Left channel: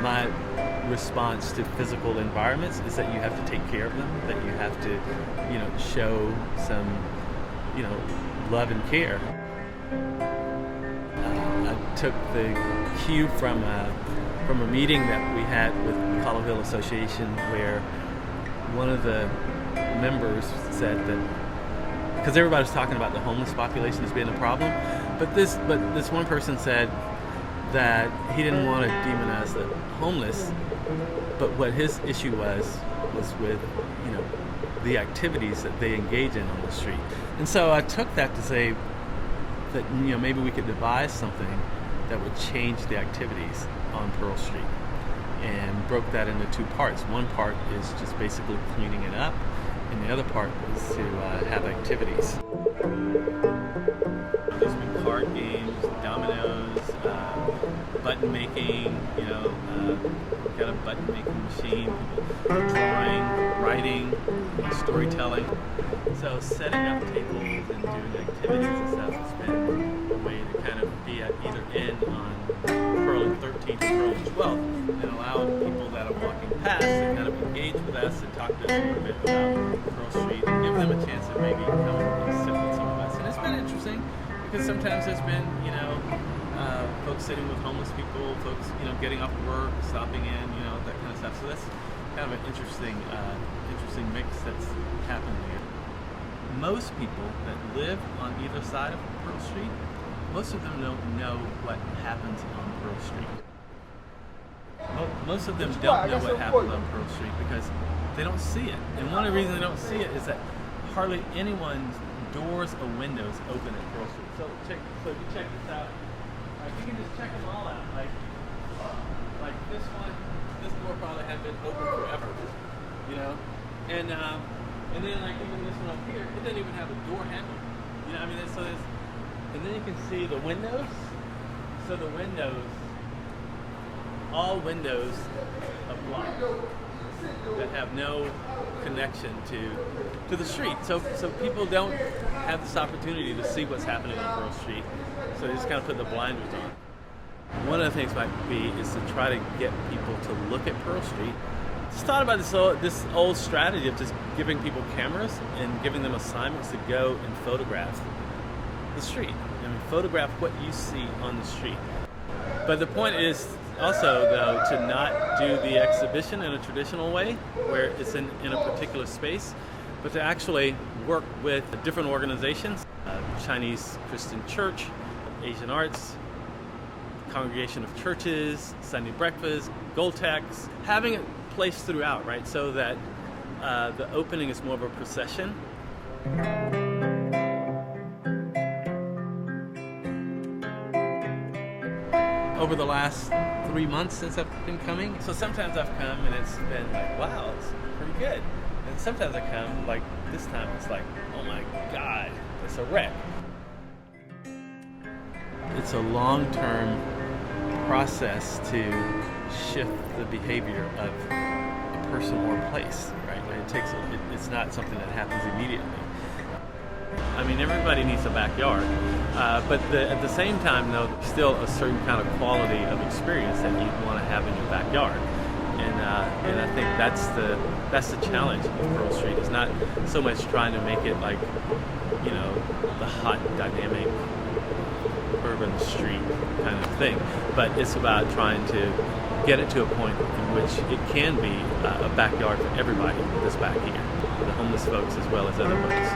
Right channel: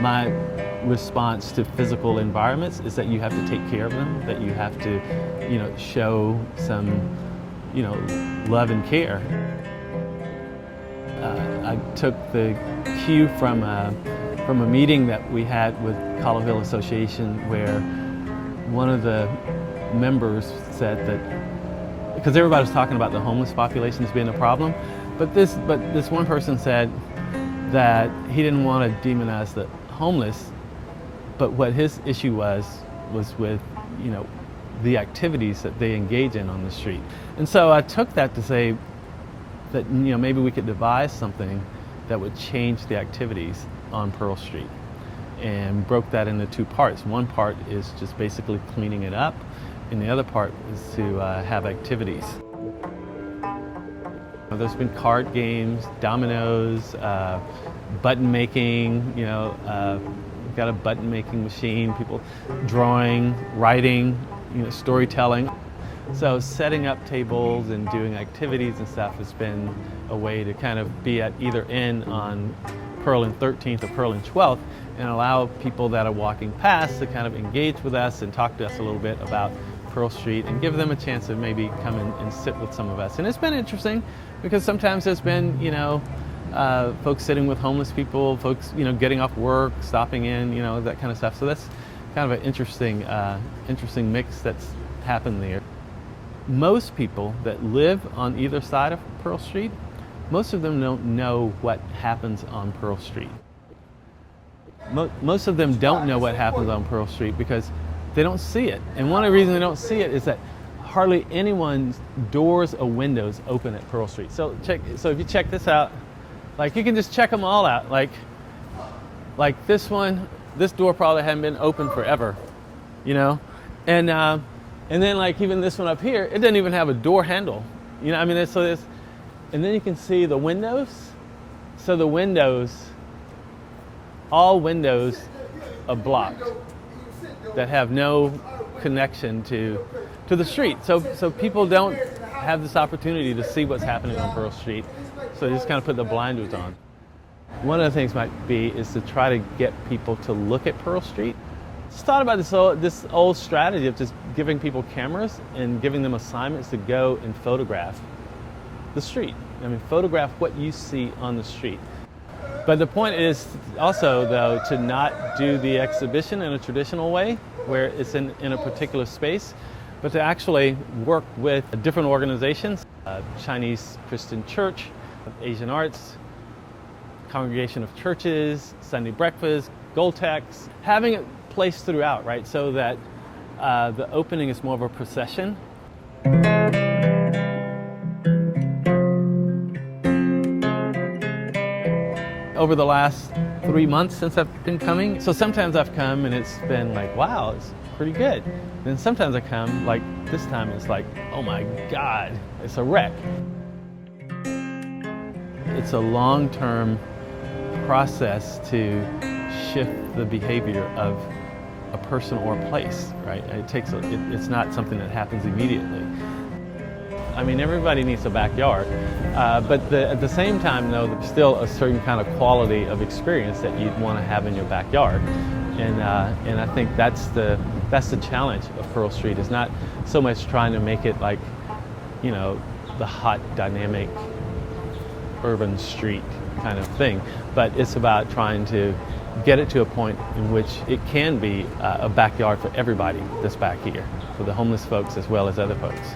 My response to physical environments is that you have to take care of them, that you have to, show some, love and care. I took the cue from a meeting that we had with Colorville Association, where one of the members said that, because everybody was talking about the homeless population as being a problem, but this one person said that he didn't want to demonize the homeless, but what his issue was with, the activities that they engage in on the street. And so I took that to say that, maybe we could devise something that would change the activities on Pearl Street, and broke that into two parts. One part is just basically cleaning it up, and the other part is to have activities. There's been card games, dominoes, button making, got a button making machine, people drawing, writing, storytelling. So setting up tables and doing activities and stuff has been a way to kind of be at either end on Pearl and 13th or Pearl and 12th, and allow people that are walking past to kind of engage with us and talk to us a little bit about Pearl Street, and give them a chance to maybe come and sit with some of us. And it's been interesting, because sometimes there's been, folks sitting with homeless people, folks, getting off work, stopping in, that kind of stuff. So that's kind of an interesting mix that's happened there. Most people that live on either side of Pearl Street, most of them don't know what happens on Pearl Street. Most of them don't know what happens on Pearl Street because they don't see it. And one of the reasons they don't see it is that hardly anyone's doors or windows open at Pearl Street. So if you check this out, like, you can just check them all out. Like this one, this door probably hadn't been open forever, and then like even this one up here, it doesn't even have a door handle, and then you can see the windows. So the windows, all windows are blocked that have no connection to the street. So people don't have this opportunity to see what's happening on Pearl Street. So they just kind of put the blinders on. One of the things might be is to try to get people to look at Pearl Street. Just thought about this old strategy of just giving people cameras and giving them assignments to go and photograph the street. Photograph what you see on the street. But the point is also, though, to not do the exhibition in a traditional way, where it's in a particular space, but to actually work with different organizations, Chinese Christian Church, Asian Arts, Congregation of Churches, Sunday Breakfast, Goltex, having it placed throughout, right, so that the opening is more of a procession. Over the last 3 months since I've been coming, so sometimes I've come and it's been like, wow, it's pretty good. And sometimes I come, like this time, it's like, oh my God, it's a wreck. It's a long-term process to shift the behavior of a person or a place, right? It's not something that happens immediately. Everybody needs a backyard, but at the same time, though, there's still a certain kind of quality of experience that you'd want to have in your backyard, and I think that's the challenge of Pearl Street. Is not so much trying to make it like, the hot, dynamic, urban street kind of thing, but it's about trying to get it to a point in which it can be a backyard for everybody that's back here, for the homeless folks as well as other folks.